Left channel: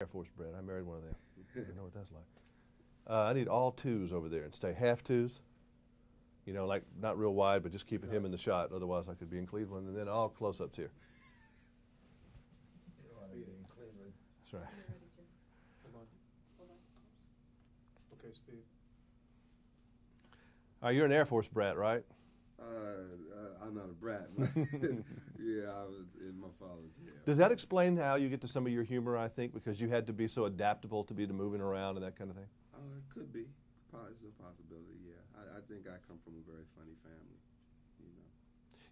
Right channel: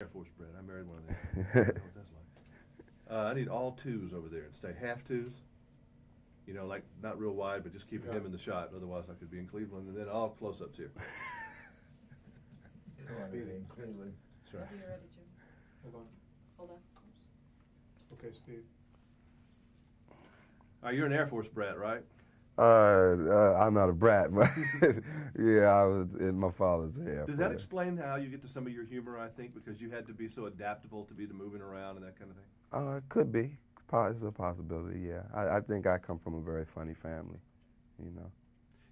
Air Force bred. I married one of them. I don't know what that's like. I need all twos over there and stay half twos. You know, like not real wide, but just keeping him in the shot. Otherwise, I could be in Cleveland, and then all close-ups here. You don't want to be in Cleveland. That's right. You're ready, Jim. Hold on. Hold on. Okay, speed. All right, you're an Air Force brat, right? I'm not a brat, but yeah, I was in my father's Air Force. Does that explain how you get to some of your humor, I think, because you had to be so adaptable to be moving around and that kind of thing? It could be. It's a possibility, yeah. I think I come from a very funny family, you know.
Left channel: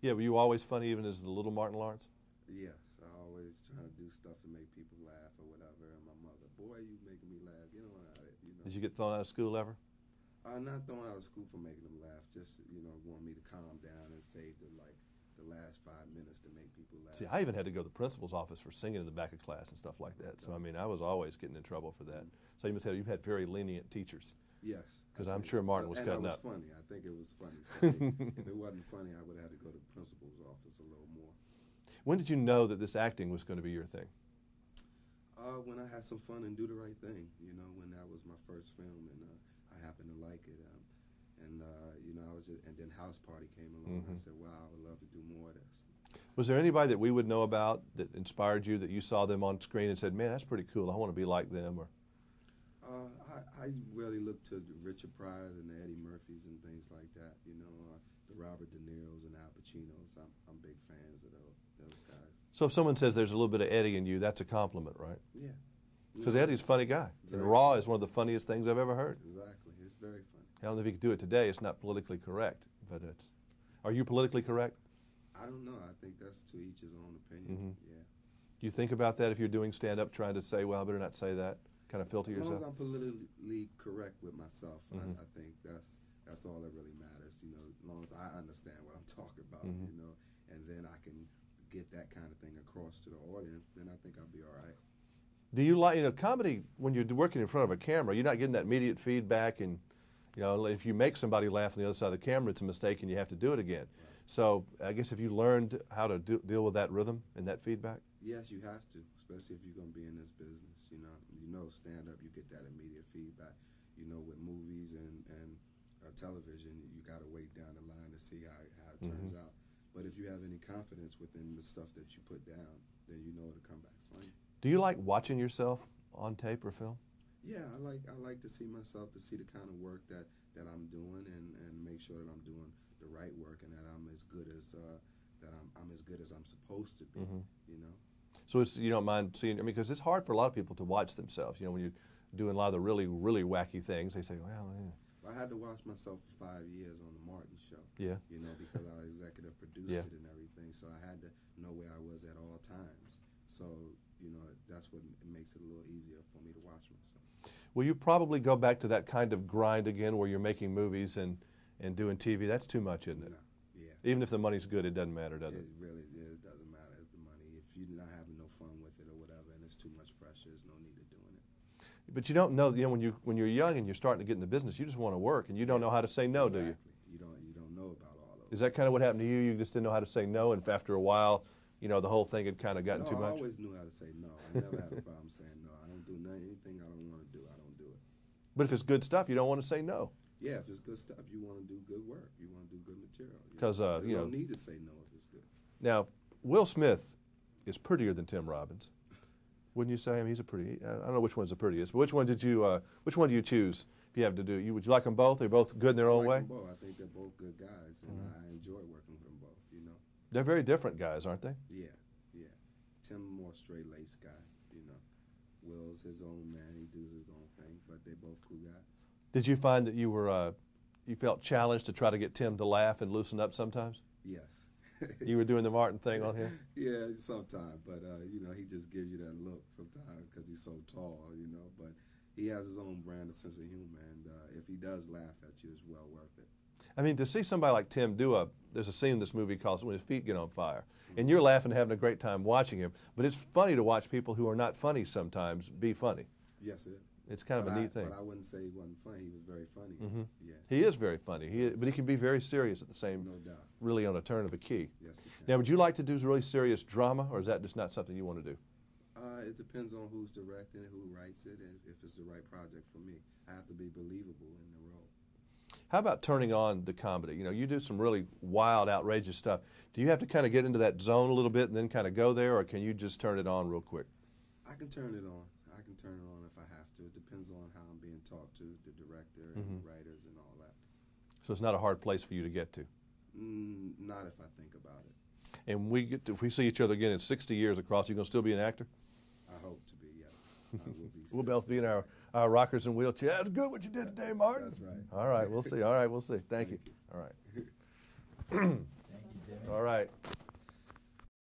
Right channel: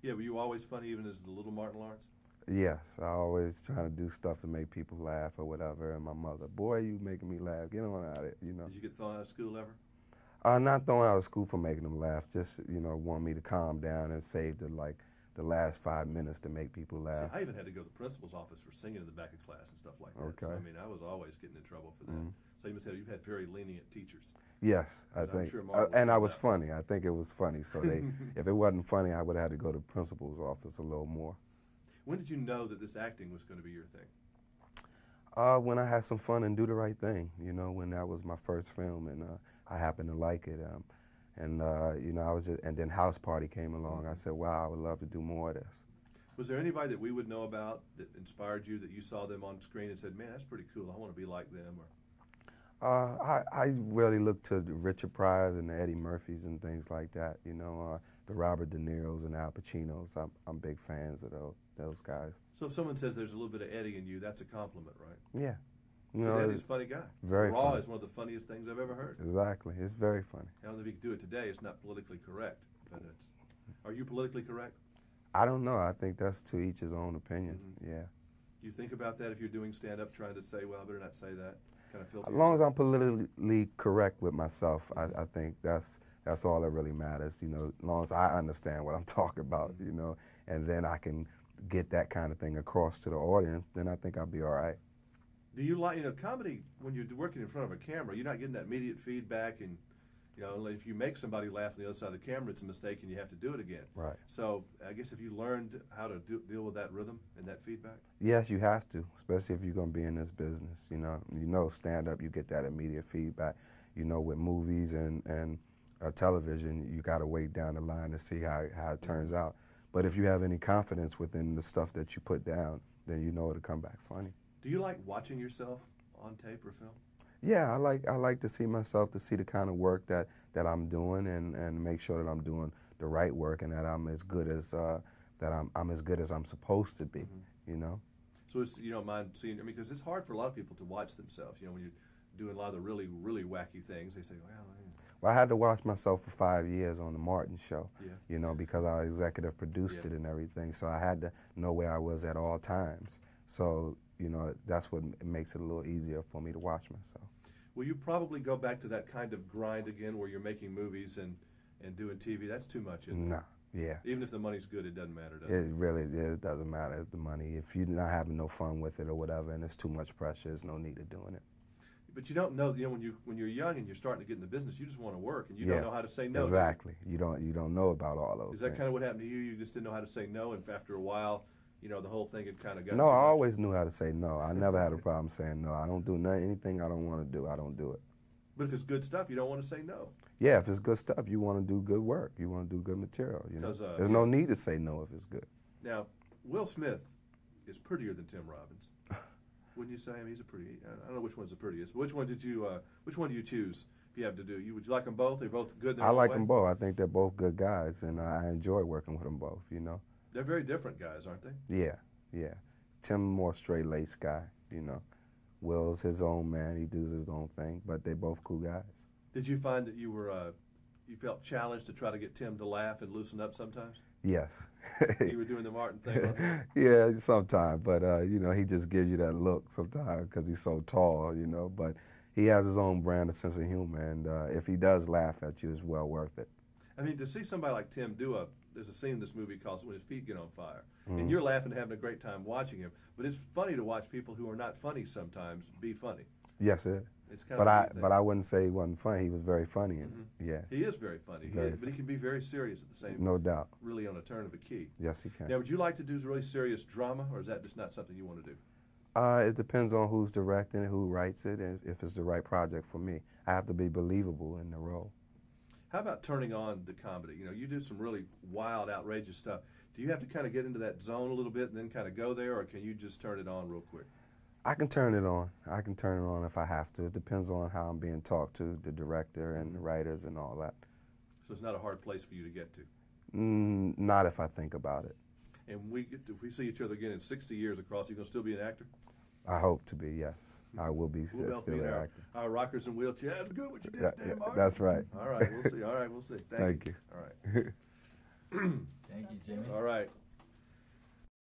Yeah, were you always funny even as the little Martin Lawrence? Yes, I always trying to do stuff to make people laugh or whatever, and my mother, boy, you making me laugh, get on out of it, you know. Did you get thrown out of school ever? Not thrown out of school for making them laugh, just, you know, want me to calm down and save the last 5 minutes to make people laugh. See, I even had to go to the principal's office for singing in the back of class and stuff like that. Okay. So, I mean, I was always getting in trouble for that. So you must have, you've had very lenient teachers. Yes, I I'm think. sure Martin was and I was that. funny. I think it was funny. So if it wasn't funny, I would have had to go to the principal's office a little more. When did you know that this acting was going to be your thing? When I had some fun and do the right thing, you know, when that was my first film, and I happened to like it. You know, I was just, and then House Party came along. I said, wow, I would love to do more of this. Was there anybody that we would know about that inspired you, that you saw them on screen and said, man, that's pretty cool, I want to be like them? Or I really look to the Richard Pryors and the Eddie Murphys and things like that, you know, the Robert De Niro's and Al Pacinos. I'm big fans of those guys. So if someone says there's a little bit of Eddie in you, that's a compliment, right? Yeah. Because Eddie's a funny guy. Very Raw funny. is one of the funniest things I've ever heard. Exactly. It's very funny. I don't know if you could do it today. It's not politically correct, but it's. Are you politically correct? I don't know. I think that's to each his own opinion. Yeah. Do you think about that if you're doing stand-up, trying to say, well, I better not say that? Kind of filter As long as yourself? I'm politically correct with myself, I think that's all that really matters. You know, as long as I understand what I'm talking about, you know, and then I can get that kind of thing across to the audience, then I think I'll be all right. Do you like, you know, comedy, when you're working in front of a camera, you're not getting that immediate feedback, and, you know, if you make somebody laugh on the other side of the camera, it's a mistake and you have to do it again. Right. So I guess if you learned how to deal with that rhythm and that feedback? Yes, you have to, especially if you're going to be in this business. You know, stand-up, you get that immediate feedback. You know, with movies and television, you got to wait down the line to see how it turns out. But if you have any confidence within the stuff that you put down, then you know it'll come back funny. Do you like watching yourself on tape or film? Yeah, I like to see myself, to see the kind of work that I'm doing, and make sure that I'm doing the right work and that I'm as good as I'm as good as I'm supposed to be. You know. So it's, you don't mind seeing? I mean, because it's hard for a lot of people to watch themselves. You know, when you're doing a lot of the really wacky things, they say, well. Well, I had to watch myself for 5 years on the Martin Show. Yeah. You know, because I executive produced it and everything, so I had to know where I was at all times. So, you know, that's what makes it a little easier for me to watch myself. Will you probably go back to that kind of grind again where you're making movies and doing TV? That's too much, isn't it? No, yeah. Even if the money's good, it doesn't matter, does it? It really it doesn't matter the money. If you're not having no fun with it or whatever and it's too much pressure, there's no need of doing it. But you don't know, you know, when you're young and you're starting to get in the business, you just want to work and you don't know how to say no. Exactly. You don't know about all those Is that things. kind of what happened to you? You just didn't know how to say no, and after a while, you know, the whole thing had kind of gotten No, too much? I always knew how to say no. I never had a problem saying no. I don't do anything I don't want to do. I don't do it. But if it's good stuff, you don't want to say no. Yeah, if it's good stuff, you want to do good work. You want to do good material. You know? There's no need to say no if it's good. Now, Will Smith is prettier than Tim Robbins. Wouldn't you say? I mean, he's a pretty. I don't know which one's the prettiest, but which one do you choose if you have to do? Would you like them both? They're both good in their own way? I like them both. I think they're both good guys, and I enjoy working with them both. You know. They're very different guys, aren't they? Yeah, yeah. Tim more straight-laced guy. You know. Will's his own man. He does his own thing, but they're both cool guys. Did you find that you felt challenged to try to get Tim to laugh and loosen up sometimes? Yes. You were doing the Martin thing on him? Yeah, sometimes, but you know, he just gives you that look sometimes because he's so tall, you know, but he has his own brand of sense of humor, and if he does laugh at you, it's well worth it. I mean, to see somebody like Tim there's a scene in this movie called When His Feet Get on Fire, and you're laughing and having a great time watching him, but it's funny to watch people who are not funny sometimes be funny. Yes, it is. It's kind of a neat thing. But I wouldn't say he wasn't funny. He was very funny. Yeah. He is very funny, but he can be very serious at the same time. No doubt. Really on a turn of a key. Yes, he can. Now, would you like to do really serious drama, or is that just not something you want to do? It depends on who's directing it, who writes it, and if it's the right project for me. I have to be believable in the role. How about turning on the comedy? You know, you do some really wild, outrageous stuff. Do you have to kind of get into that zone a little bit and then kind of go there, or can you just turn it on real quick? I can turn it on. I can turn it on if I have to. It depends on how I'm being talked to, the director and the writers and all that. So it's not a hard place for you to get to? Not if I think about it. And if we see each other again in 60 years across, you going to still be an actor? I hope to be, yes. I will be. We'll both be in an our, actor. our rockers and wheelchairs. That's good what you did today, Martin. That's right. All right, we'll see. All right, we'll see. Thank you. you. All right. Thank you, Jimmy. All right.